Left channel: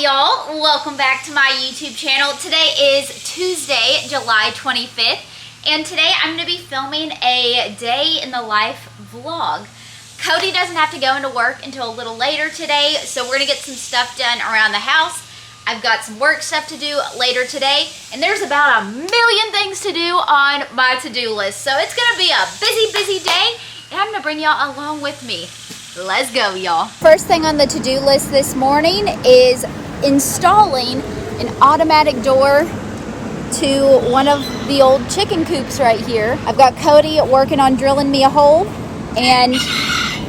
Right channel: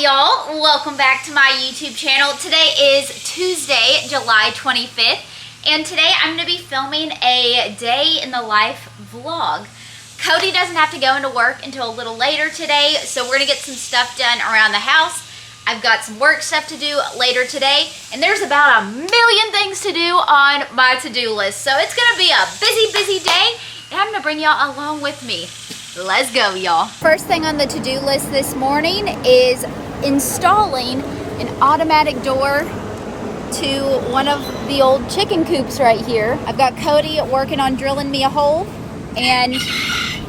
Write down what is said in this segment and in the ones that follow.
Hey y'all, welcome back to my YouTube channel. Today is Tuesday, July 25th, and today I'm going to be filming a day in the life vlog. Cody doesn't have to go into work until a little later today, so we're going to get some stuff done around the house. I've got some work stuff to do later today, and there's about a million things to do on my to-do list. So it's going to be a busy day, and I'm going to bring y'all along with me. Let's go, y'all. First thing on the to-do list this morning is installing an automatic door to one of the old chicken coops right here. I've got Cody working on drilling me a hole, and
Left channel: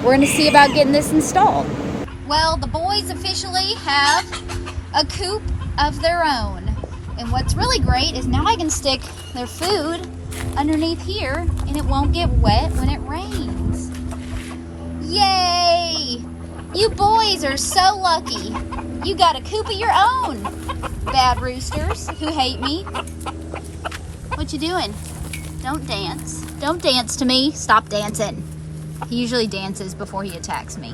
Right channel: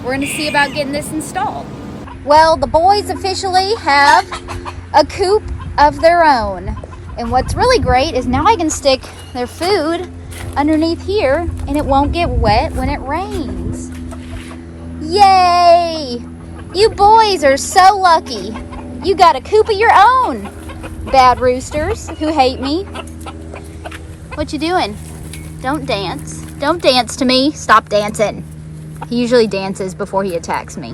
we're going to see about getting this installed. Well, the boys officially have a coop of their own. And what's really great is now I can stick their food underneath here and it won't get wet when it rains. Yay! You boys are so lucky. You got a coop of your own. Bad roosters who hate me. What you doing? Don't dance. Don't dance to me. Stop dancing. He usually dances before he attacks me.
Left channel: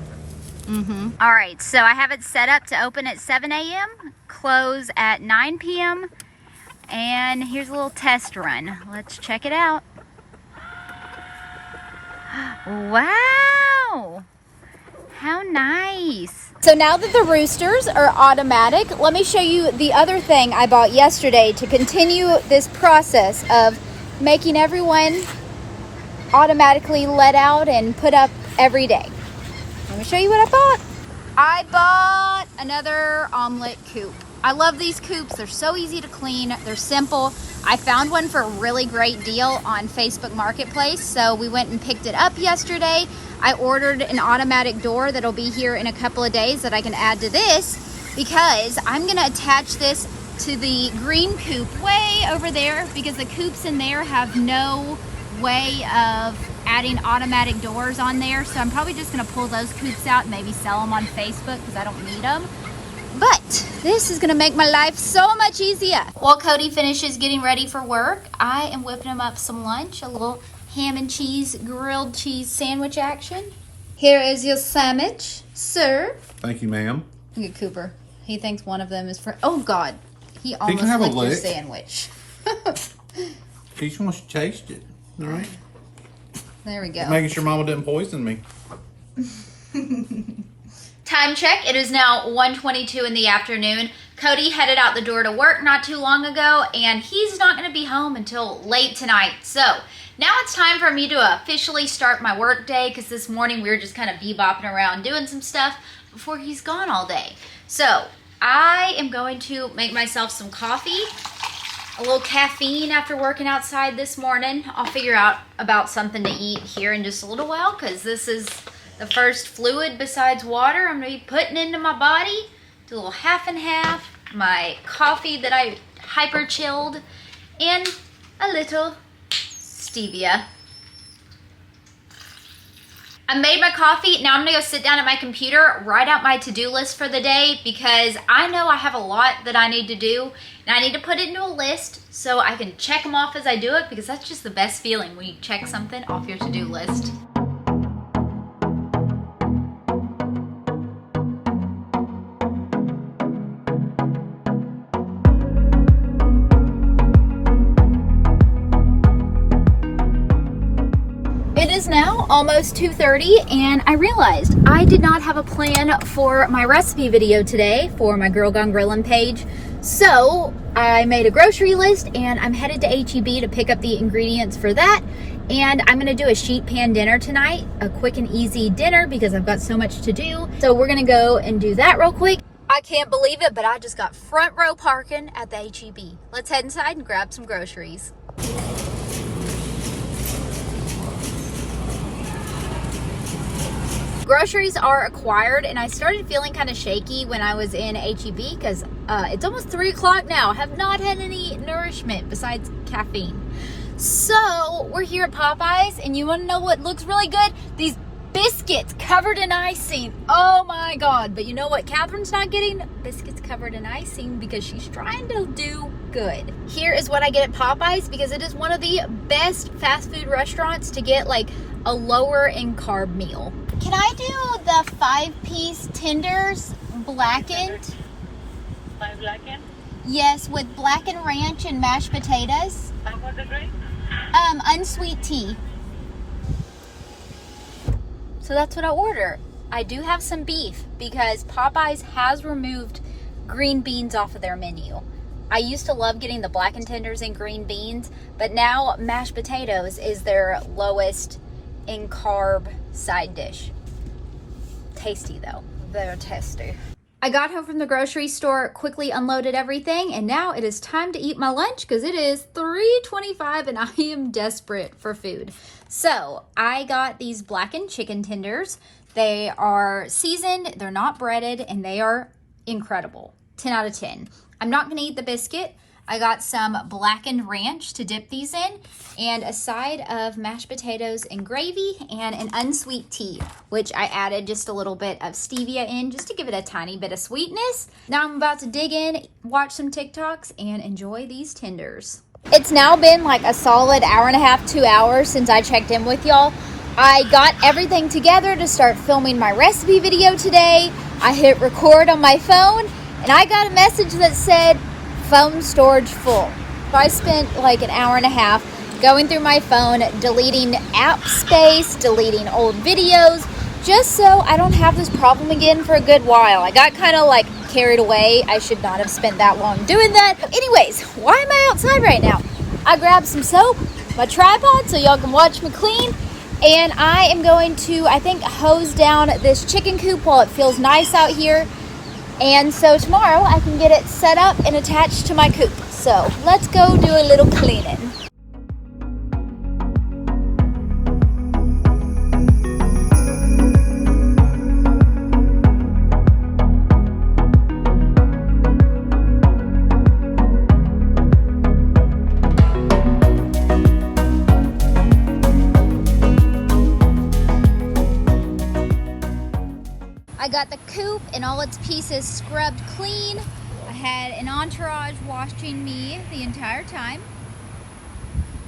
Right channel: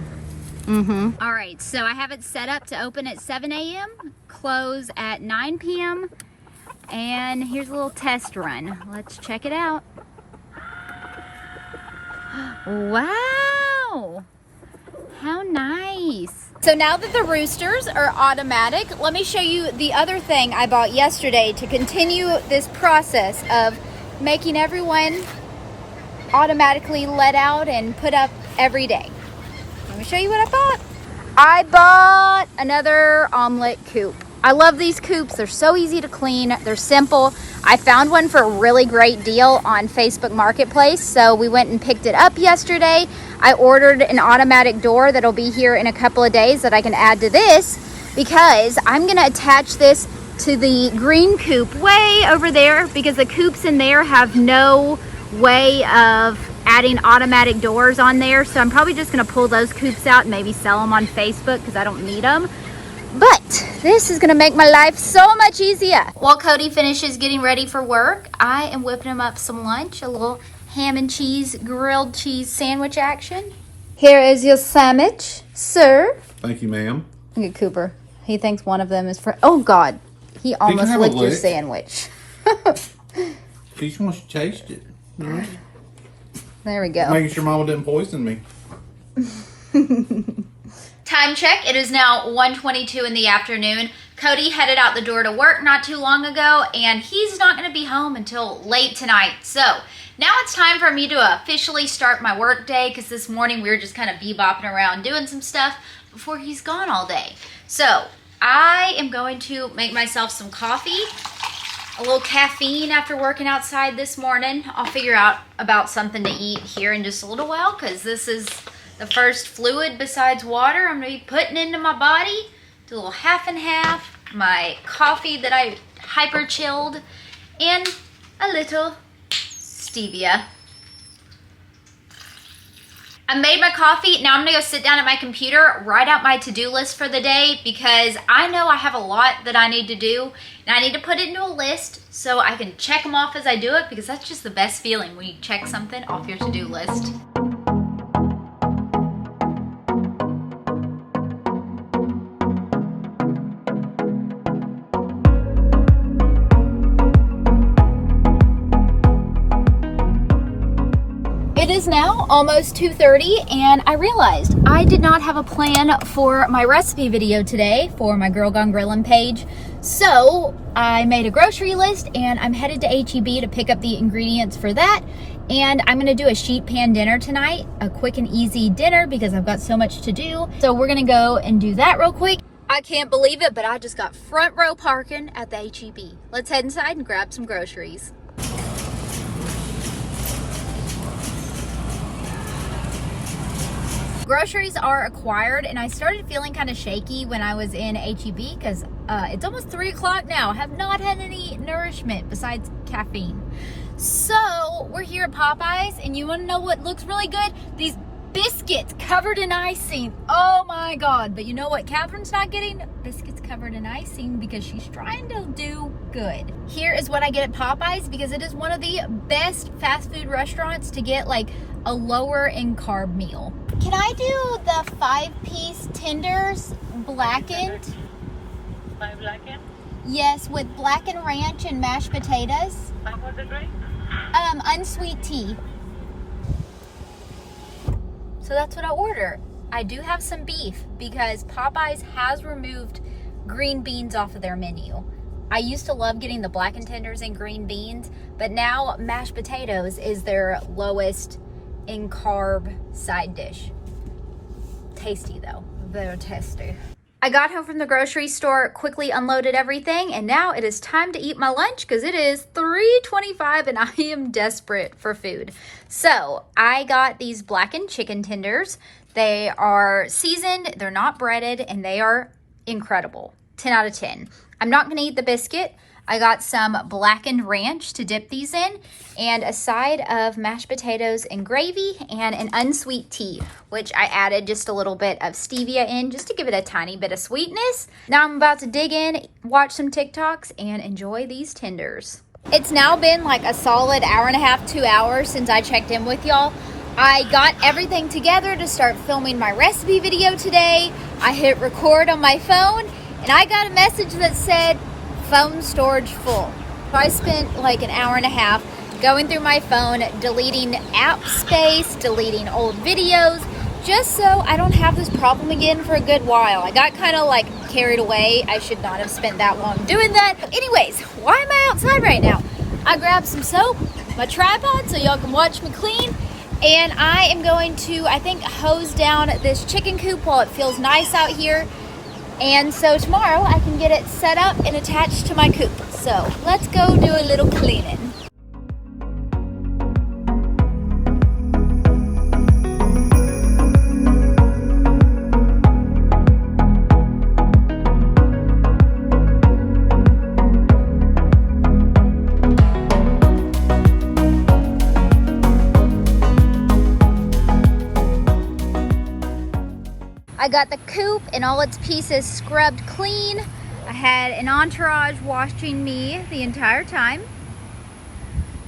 All right, so I have it set up to open at 7 a.m., close at 9 p.m., and here's a little test run. Let's check it out. Wow, how nice. So now that the roosters are automatic, let me show you the other thing I bought yesterday to continue this process of making everyone automatically let out and put up every day. Let me show you what I bought. I bought another omelet coop. I love these coops. They're so easy to clean. They're simple. I found one for a really great deal on Facebook Marketplace, so we went and picked it up yesterday. I ordered an automatic door that'll be here in a couple of days that I can add to this because I'm going to attach this to the green coop way over there because the coops in there have no way of adding automatic doors on there, so I'm probably just going to pull those coops out and maybe sell them on Facebook because I don't need them. But this is going to make my life so much easier. While Cody finishes getting ready for work, I am whipping him up some lunch, a little ham and cheese, grilled cheese sandwich action. Here is your sandwich, sir. Thank you, ma'am. Look at Cooper. He thinks one of them is for... Oh, God. He almost licked your sandwich. He just wants to taste it. All right. There we go. Making sure Mama didn't poison me. Time check. It is now 1:22 in the afternoon. Cody headed out the door to work not too long ago, and he's not going to be home until late tonight. So now it's time for me to officially start my work day because this morning we were just kind of bebopping around doing some stuff before he's gone all day. So I am going to make myself some coffee. A little caffeine after working outside this morning. I'll figure out about something to eat here in just a little while because this is the first fluid besides water I'm going to be putting into my body. Do a little half and half. My coffee that I hyper chilled and a little stevia. I made my coffee. Now I'm going to go sit down at my computer, write out my to-do list for the day because I know I have a lot that I need to do and I need to put it into a list so I can check them off as I do it because that's just the best feeling when you check something off your to-do list. Now almost 2:30 and I realized I did not have a plan for my recipe video today for my Girl Gone Grillin' page, so I made a grocery list and I'm headed to H-E-B to pick up the ingredients for that, and I'm gonna do a sheet pan dinner tonight, a quick and easy dinner because I've got so much to do. So we're gonna go and do that real quick. I can't believe it, but I just got front row parking at the H-E-B. Let's head inside and grab some groceries. Groceries are acquired and I started feeling kind of shaky when I was in H-E-B because it's almost 3 o'clock now. I have not had any nourishment besides caffeine. So we're here at Popeyes and you want to know what looks really good? These biscuits covered in icing. Oh my God. But you know what Katherine's not getting? Biscuits covered in icing because she's trying to do good. Here is what I get at Popeyes because it is one of the best fast food restaurants to get like a lower in carb meal. Can I do the 5-piece tenders blackened? Yes, with blackened ranch and mashed potatoes. Unsweet tea. So that's what I order. I do have some beef because Popeyes has removed green beans off of their menu. I used to love getting the blackened tenders and green beans, but now mashed potatoes is their lowest in carb side dish. Tasty though, very tasty. I got home from the grocery store, quickly unloaded everything, and now it is time to eat my lunch because it is 3:25 and I am desperate for food. So I got these blackened chicken tenders. They are seasoned, they're not breaded, and they are incredible. 10 out of 10. I'm not gonna eat the biscuit. I got some blackened ranch to dip these in, and a side of mashed potatoes and gravy, and an unsweet tea, which I added just a little bit of stevia in just to give it a tiny bit of sweetness. Now I'm about to dig in, watch some TikToks, and enjoy these tenders. It's now been like a solid hour and a half, 2 hours since I checked in with y'all. I got everything together to start filming my recipe video today. I hit record on my phone, and I got a message that said, phone storage full. So I spent like an hour and a half going through my phone, deleting app space, deleting old videos, just so I don't have this problem again for a good while. I got kind of like carried away. I should not have spent that long doing that. But anyways, why am I outside right now? I grabbed some soap, my tripod, so y'all can watch me clean, and I am going to, I think, hose down this chicken coop while it feels nice out here. And so tomorrow I can get it set up and attached to my coop. So let's go do a little cleaning. I got the coop and all its pieces scrubbed clean. I had an entourage watching me the entire time.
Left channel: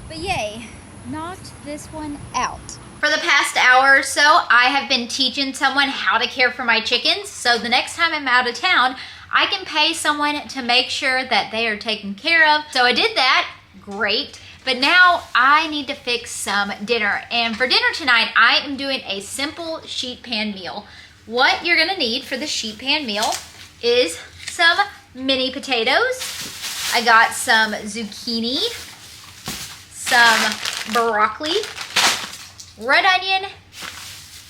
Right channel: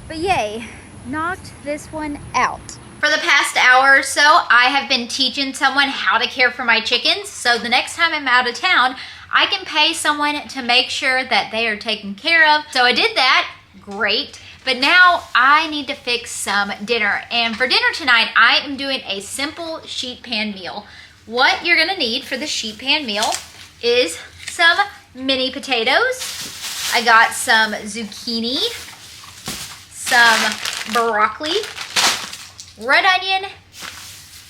But yay, knocked this one out. For the past hour or so, I have been teaching someone how to care for my chickens. So the next time I'm out of town, I can pay someone to make sure that they are taken care of. So I did that, great. But now I need to fix some dinner. And for dinner tonight, I am doing a simple sheet pan meal. What you're gonna need for the sheet pan meal is some mini potatoes. I got some zucchini, some broccoli, red onion,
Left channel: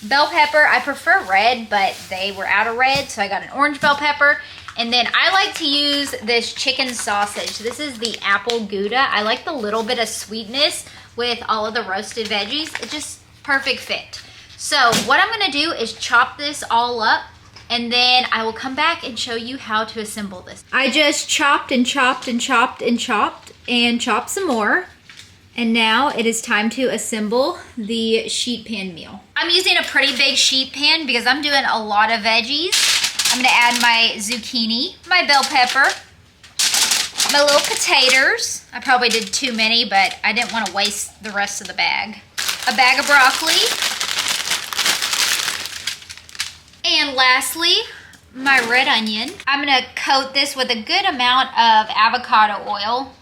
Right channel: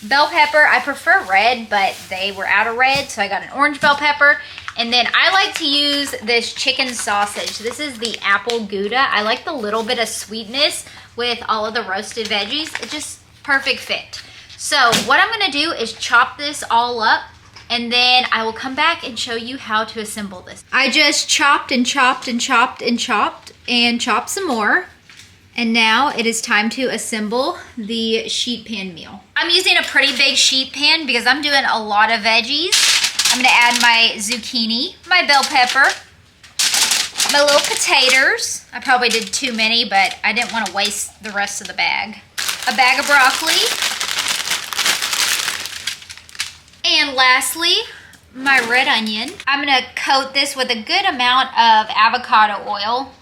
bell pepper. I prefer red, but they were out of red, so I got an orange bell pepper. And then I like to use this chicken sausage. This is the apple Gouda. I like the little bit of sweetness with all of the roasted veggies. It's just perfect fit. So what I'm gonna do is chop this all up, and then I will come back and show you how to assemble this. I just chopped and chopped and chopped and chopped and chopped some more. And now it is time to assemble the sheet pan meal. I'm using a pretty big sheet pan because I'm doing a lot of veggies. I'm gonna add my zucchini, my bell pepper, my little potatoes. I probably did too many, but I didn't want to waste the rest of the bag. A bag of broccoli. And lastly, my red onion. I'm gonna coat this with a good amount of avocado oil.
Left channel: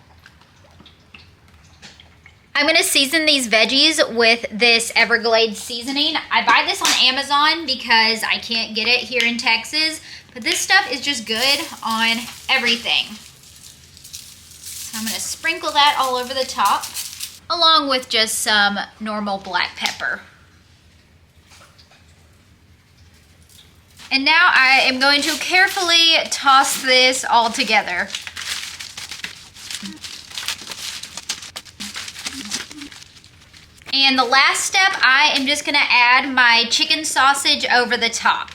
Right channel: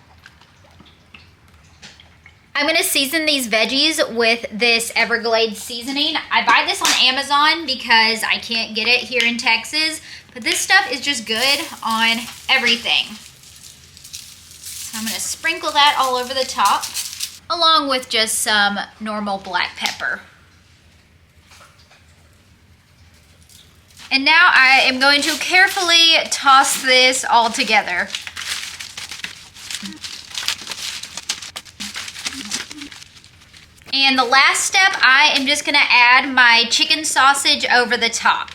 I'm gonna season these veggies with this Everglades seasoning. I buy this on Amazon because I can't get it here in Texas, but this stuff is just good on everything. So I'm gonna sprinkle that all over the top, along with just some normal black pepper. And now I am going to carefully toss this all together. And the last step, I am just gonna add my chicken sausage over the top.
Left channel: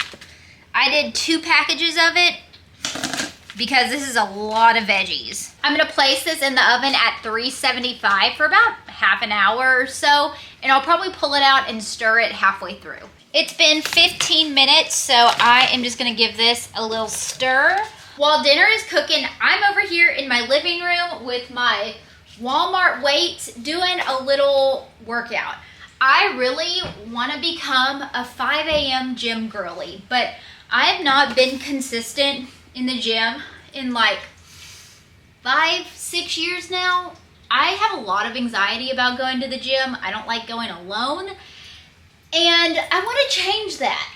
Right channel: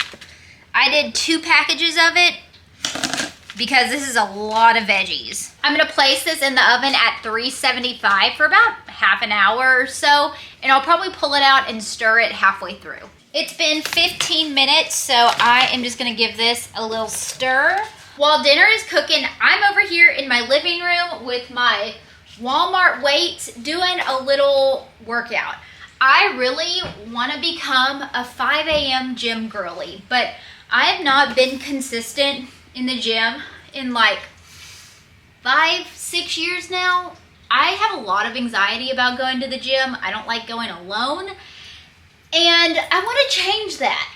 I did 2 packages of it because this is a lot of veggies. I'm gonna place this in the oven at 375 for about half an hour or so, and I'll probably pull it out and stir it halfway through. It's been 15 minutes, so I am just gonna give this a little stir. While dinner is cooking, I'm over here in my living room with my Walmart weights doing a little workout. I really wanna become a 5 a.m. gym girly, but I have not been consistent in the gym in like 5-6 years now. I have a lot of anxiety about going to the gym. I don't like going alone. And I want to change that.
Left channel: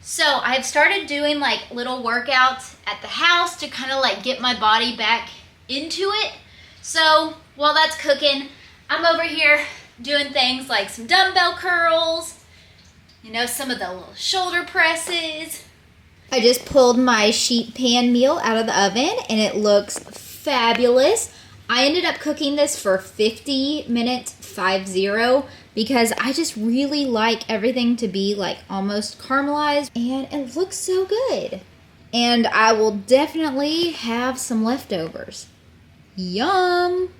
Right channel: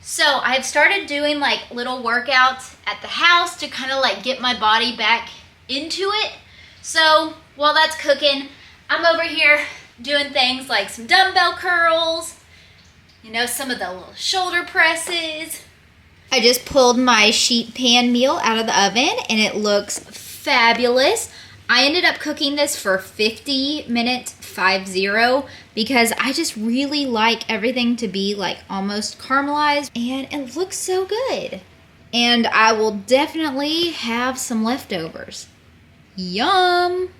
So I've started doing like little workouts at the house to kind of like get my body back into it. So while that's cooking, I'm over here doing things like some dumbbell curls, you know, some of the little shoulder presses. I just pulled my sheet pan meal out of the oven and it looks fabulous. I ended up cooking this for 50 minutes, 50, because I just really like everything to be like almost caramelized and it looks so good. And I will definitely have some leftovers. Yum!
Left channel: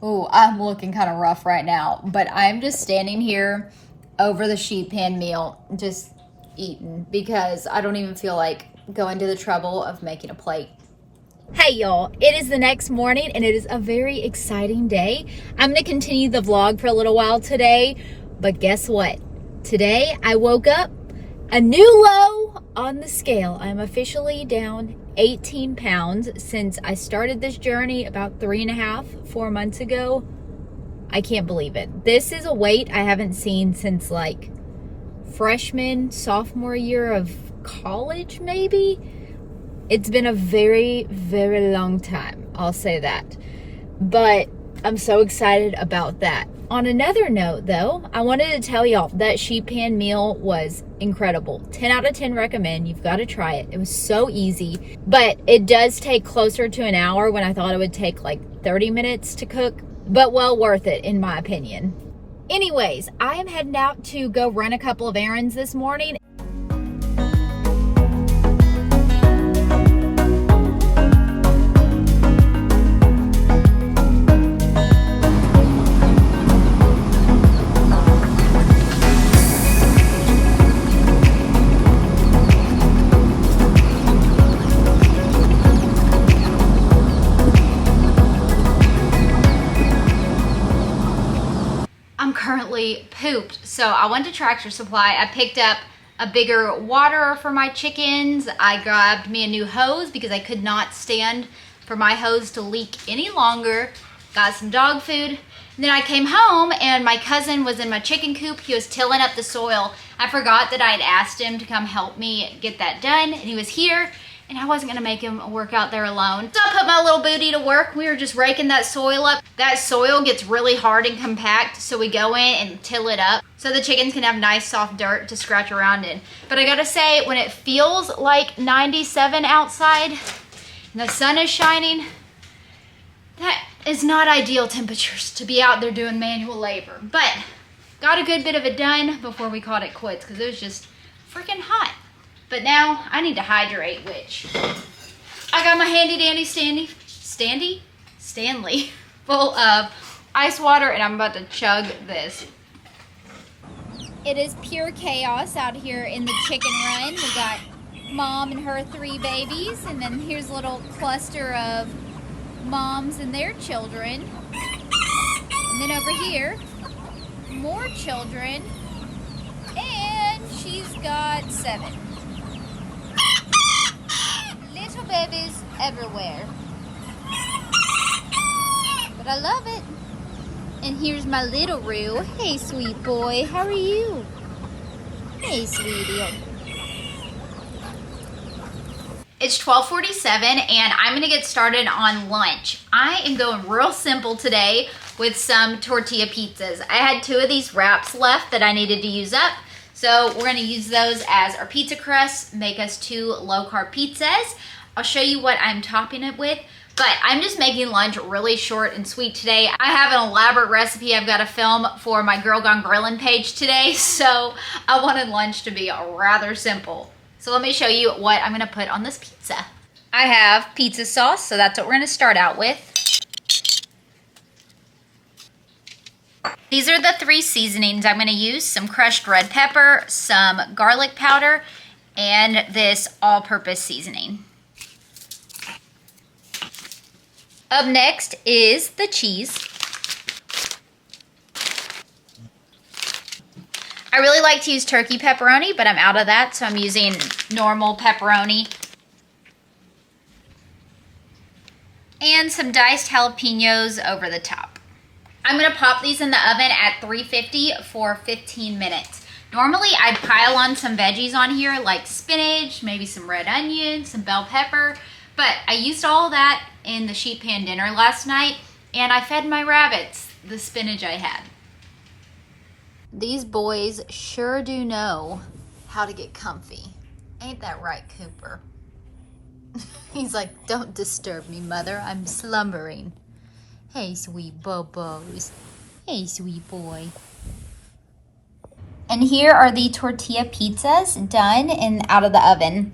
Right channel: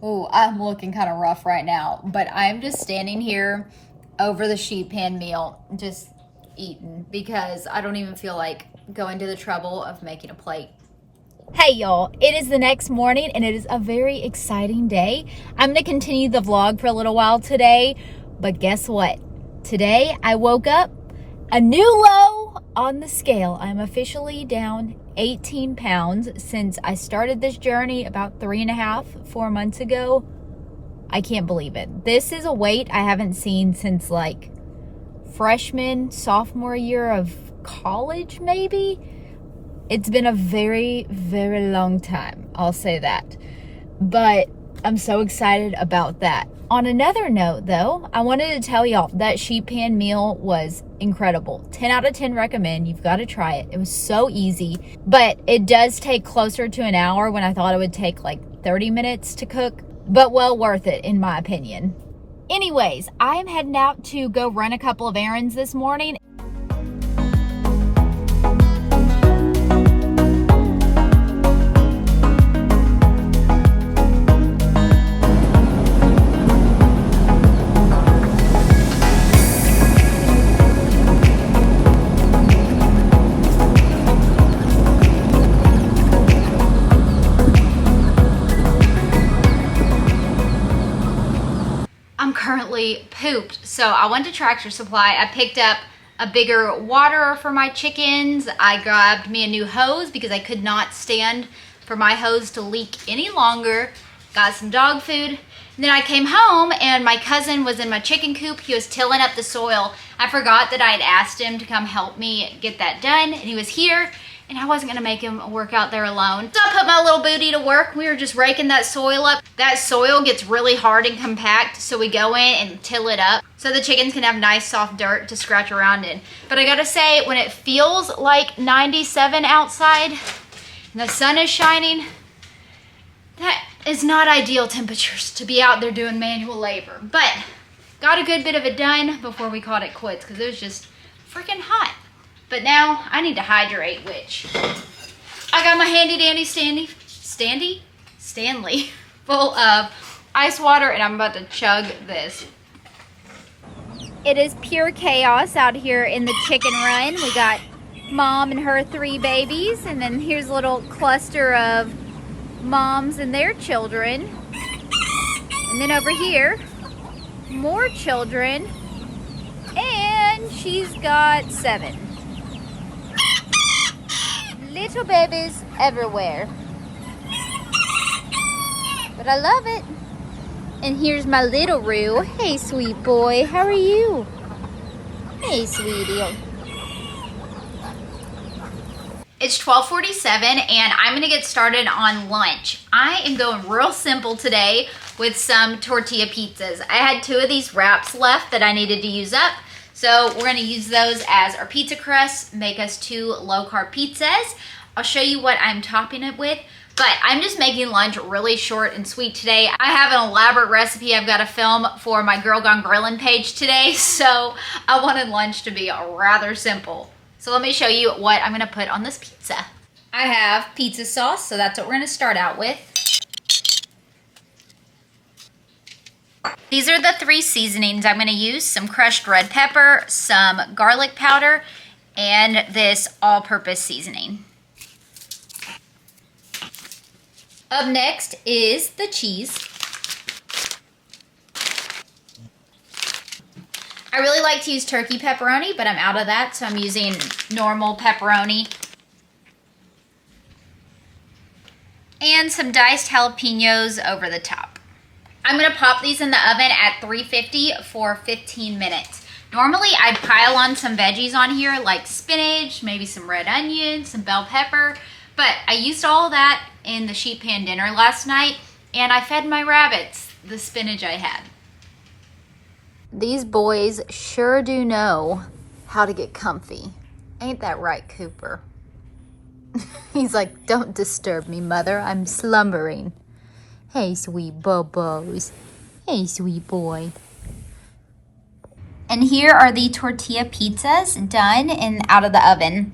Oh, I'm looking kind of rough right now, but I'm just standing here over the sheet pan meal, just eating, because I don't even feel like going to the trouble of making a plate. Hey y'all, it is the next morning and it is a very exciting day. I'm going to continue the vlog for a little while today, but guess what? Today I woke up a new low on the scale. I'm officially down 18 pounds since I started this journey about 3.5-4 months ago. I can't believe it. This is a weight I haven't seen since like freshman, sophomore year of college maybe. It's been a very, very long time. I'll say that. But I'm so excited about that. On another note, though, I wanted to tell y'all that sheet pan meal was incredible. 10 out of 10 recommend. You've got to try it. It was so easy. But it does take closer to an hour when I thought it would take like 30 minutes to cook. But well worth it, in my opinion. Anyways, I am heading out to go run a couple of errands this morning. Currently pooped, so I went to Tractor Supply. I picked up a bigger waterer for my chickens. I grabbed me a new hose because I could not stand for my hose to leak any longer. Got some dog food. And then I came home and my cousin was in my chicken coop. He was tilling up the soil. I forgot that I had asked him to come help me get that done, and he was here. And I wasn't gonna make him work out there alone. So I put my little booty to work. We were just raking that soil up. That soil gets really hard and compact, so we go in and till it up so the chickens can have nice soft dirt to scratch around in. But I gotta say, when it feels like 97 outside and the sun is shining, that is not ideal temperatures to be out there doing manual labor. But got a good bit of it done before we called it quits because it was just freaking hot. But now I need to hydrate, which I got my handy dandy Stanley full of ice water, and I'm about to chug this. It is pure chaos out here in the chicken run. We got mom and her 3 babies, and then here's a little cluster of moms and their children. And then over here, more children, and she's got 7. Little babies everywhere. But I love it. And here's my little Roo. Hey, sweet boy. How are you? Hey, sweetie. It's 12:47 and I'm gonna get started on lunch. I am going real simple today with some tortilla pizzas. I had 2 of these wraps left that I needed to use up. So we're gonna use those as our pizza crust, make us 2 low-carb pizzas. I'll show you what I'm topping it with, but I'm just making lunch really short and sweet today. I have an elaborate recipe I've got to film for my Girl Gone Grillin' page today, so I wanted lunch to be rather simple. So let me show you what I'm gonna put on this pizza. I have pizza sauce, so that's what we're gonna start out with. These are the 3 seasonings I'm gonna use: some crushed red pepper, some garlic powder, and this all-purpose seasoning. Up next is the cheese. I really like to use turkey pepperoni, but I'm out of that, so I'm using normal pepperoni. and some diced jalapenos over the top. I'm gonna pop these in the oven at 350 for 15 minutes. Normally I'd pile on some veggies on here like spinach, maybe some red onion, some bell pepper, but I used all that in the sheet pan dinner last night and I fed my rabbits the spinach I had. These boys sure do know how to get comfy. Ain't that right, Cooper? He's like, don't disturb me, mother. I'm slumbering. Hey, sweet bubos. Hey, sweet boy. And here are the tortilla pizzas done and out of the oven.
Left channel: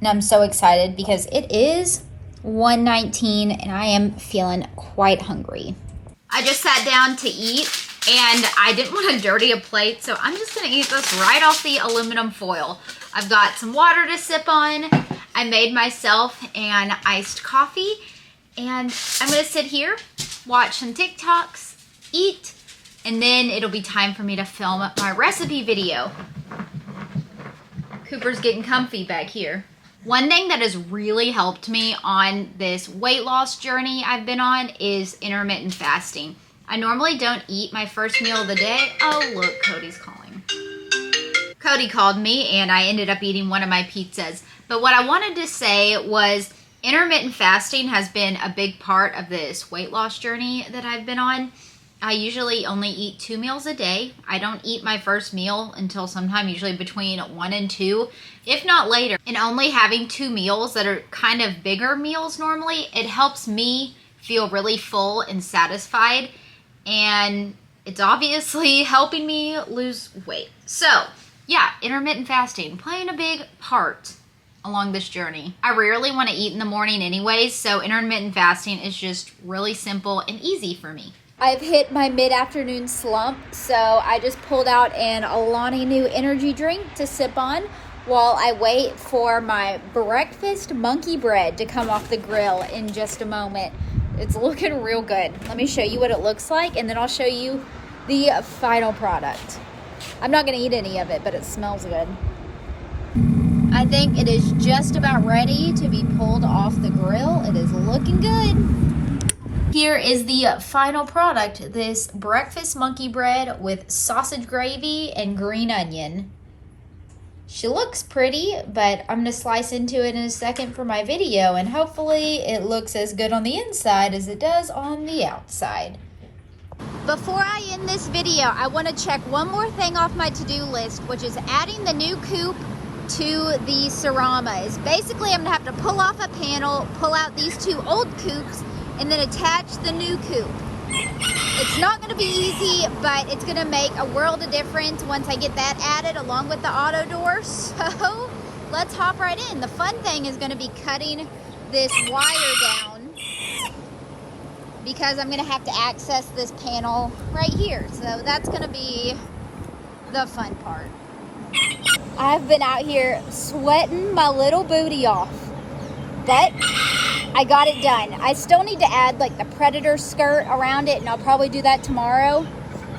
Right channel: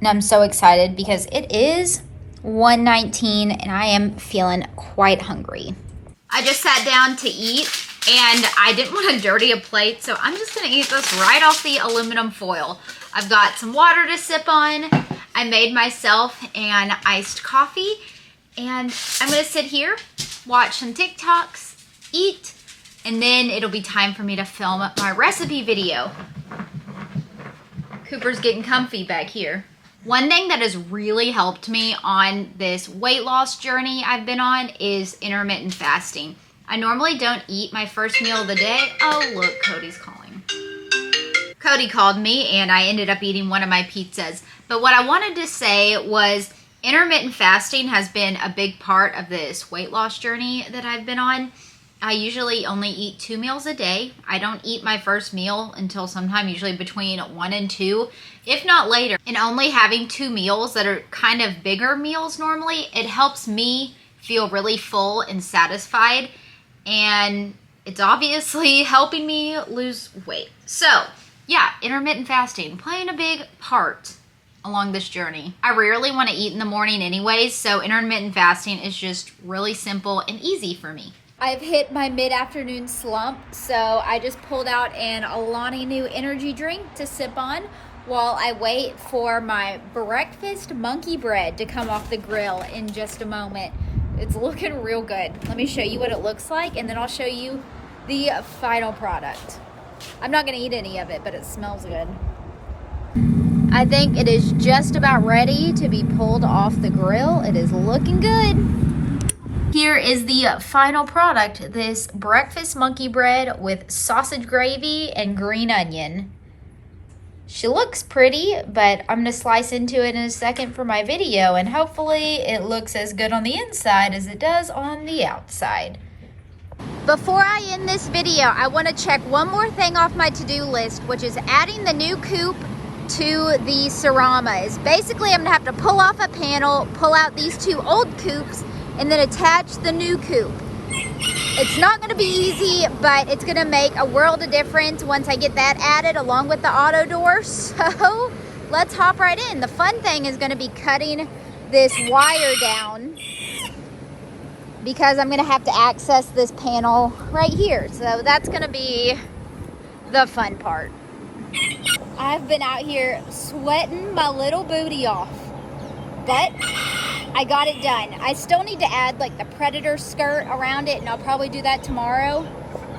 And I'm so excited because it is 1:19 and I am feeling quite hungry. I just sat down to eat and I didn't want to dirty a plate, so I'm just gonna eat this right off the aluminum foil. I've got some water to sip on. I made myself an iced coffee and I'm gonna sit here, watch some TikToks, eat, and then it'll be time for me to film my recipe video. Cooper's getting comfy back here. One thing that has really helped me on this weight loss journey I've been on is intermittent fasting. I normally don't eat my first meal of the day. Oh, look, Cody's calling. Cody called me and I ended up eating one of my pizzas. But what I wanted to say was intermittent fasting has been a big part of this weight loss journey that I've been on. I usually only eat 2 meals a day. I don't eat my first meal until sometime usually between 1 and 2, if not later. And only having 2 meals that are kind of bigger meals normally, it helps me feel really full and satisfied. And it's obviously helping me lose weight. So yeah, intermittent fasting playing a big part along this journey. I rarely want to eat in the morning anyways, so intermittent fasting is just really simple and easy for me. I've hit my mid-afternoon slump, so I just pulled out an Alani Nu energy drink to sip on while I wait for my breakfast monkey bread to come off the grill in just a moment. It's looking real good. Let me show you what it looks like, and then I'll show you the final product. I'm not gonna eat any of it, but it smells good. I think it is just about ready to be pulled off the grill. It is looking good. Here is the final product, this breakfast monkey bread with sausage gravy and green onion. She looks pretty, but I'm gonna slice into it in a second for my video, and hopefully it looks as good on the inside as it does on the outside. Before I end this video, I wanna check one more thing off my to-do list, which is adding the new Coop to the Saramas. Basically, I'm gonna have to pull off a panel, pull out these 2 old Coops, and then attach the new Coop. It's not gonna be easy, but it's gonna make a world of difference once I get that added along with the auto door. So let's hop right in. The fun thing is gonna be cutting this wire down because I'm gonna have to access this panel right here. So that's gonna be the fun part. I've been out here sweating my little booty off, but I got it done. I still need to add like the Predator skirt around it, and I'll probably do that tomorrow.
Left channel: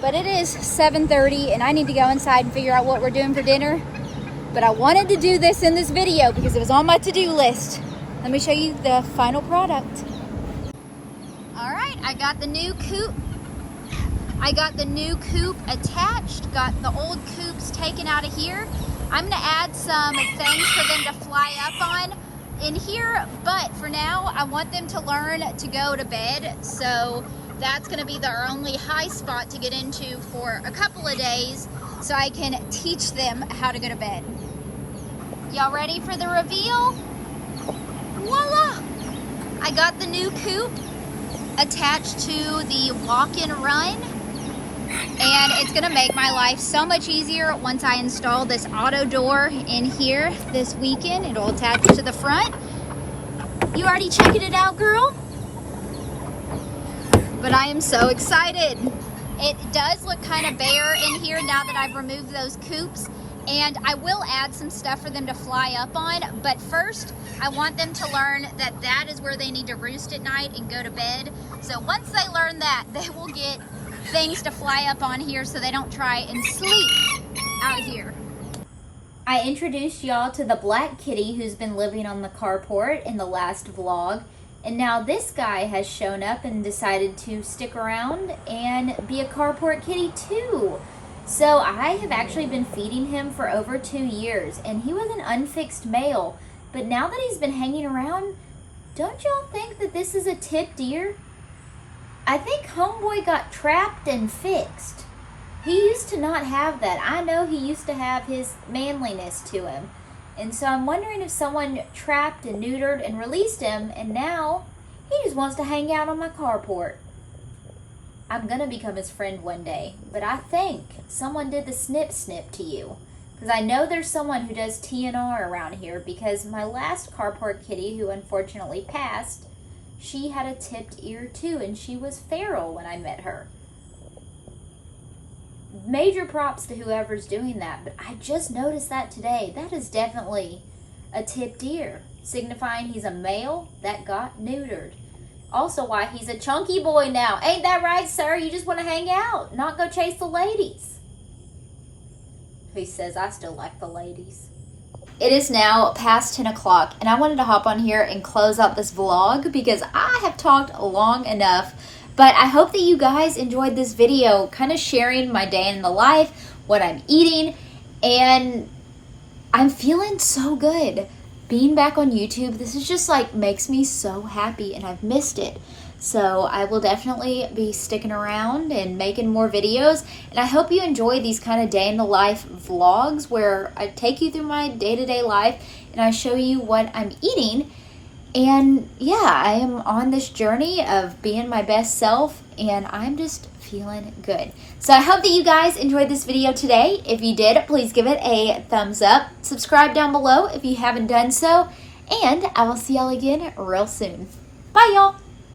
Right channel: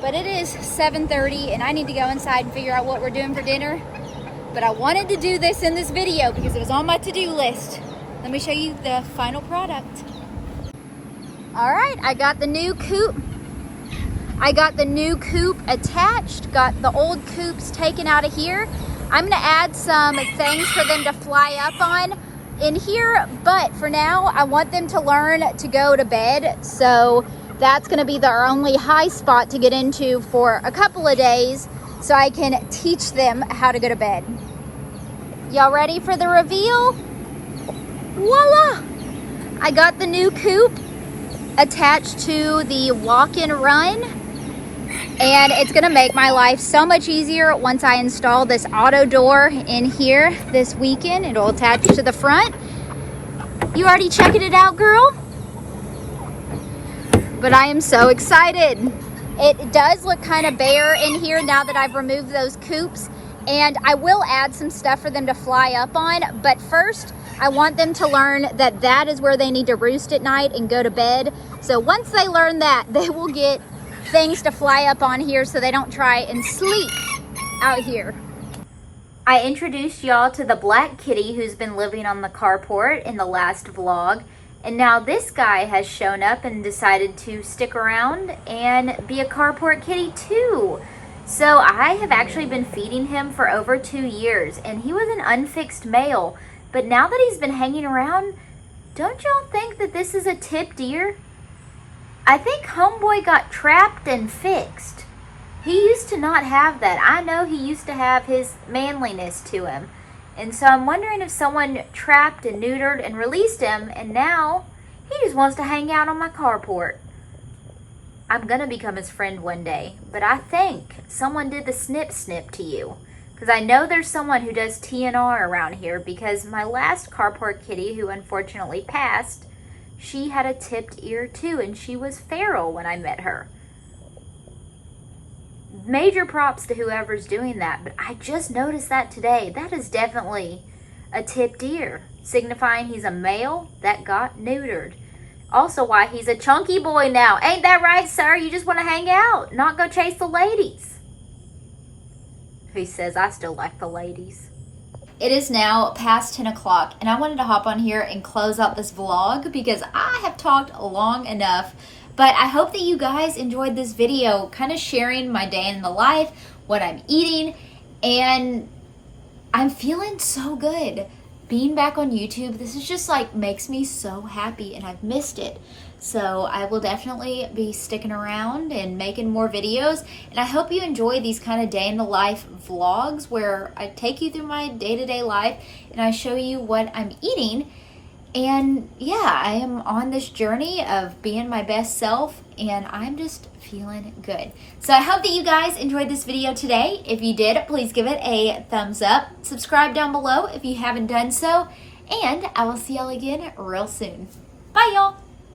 But it is 7:30 and I need to go inside and figure out what we're doing for dinner. But I wanted to do this in this video because it was on my to-do list. Let me show you the final product. All right, I got the new Coop. I got the new Coop attached, got the old Coops taken out of here. I'm gonna add some things for them to fly up on in here, but for now I want them to learn to go to bed, so that's going to be their only high spot to get into for a couple of days so I can teach them how to go to bed. Y'all ready for the reveal? Voila! I got the new Coop attached to the walk and run, and it's going to make my life so much easier once I install this auto door in here this weekend. It'll attach to the front. You already checking it out, girl? But I am so excited. It does look kind of bare in here now that I've removed those Coops, and I will add some stuff for them to fly up on, but first I want them to learn that that is where they need to roost at night and go to bed. So once they learn that, they will get things to fly up on here so they don't try and sleep out here. I introduced y'all to the black kitty who's been living on the carport in the last vlog, And now this guy has shown up and decided to stick around and be a carport kitty too. So I have actually been feeding him for over 2 years, and he was an unfixed male. But now that he's been hanging around, don't y'all think that this is a tipped ear? I think homeboy got trapped and fixed. He used to not have that. I know he used to have his manliness to him. And so I'm wondering if someone trapped and neutered and released him, and now he just wants to hang out on my carport. I'm gonna become his friend one day, but I think someone did the snip to you. Because I know there's someone who does TNR around here, because my last carport kitty, who unfortunately passed, she had a tipped ear too, and she was feral when I met her. Major props to whoever's doing that, but I just noticed that today. That is definitely a tipped ear, signifying he's a male that got neutered. Also why he's a chunky boy now. Ain't that right, sir? You just want to hang out, not go chase the ladies. He says, I still like the ladies. It is now past 10 o'clock, and I wanted to hop on here and close out this vlog because I have talked long enough. But I hope that you guys enjoyed this video, kind of sharing my day in the life, what I'm eating, and I'm feeling so good. Being back on YouTube, this is just like makes me so happy, and I've missed it. So I will definitely be sticking around and making more videos, and I hope you enjoy these kind of day in the life vlogs where I take you through my day-to-day life and I show you what I'm eating. And yeah, I am on this journey of being my best self, and I'm just feeling good. So I hope that you guys enjoyed this video today. If you did, please give it a thumbs up. Subscribe down below if you haven't done so. And I will see y'all again real soon. Bye, y'all.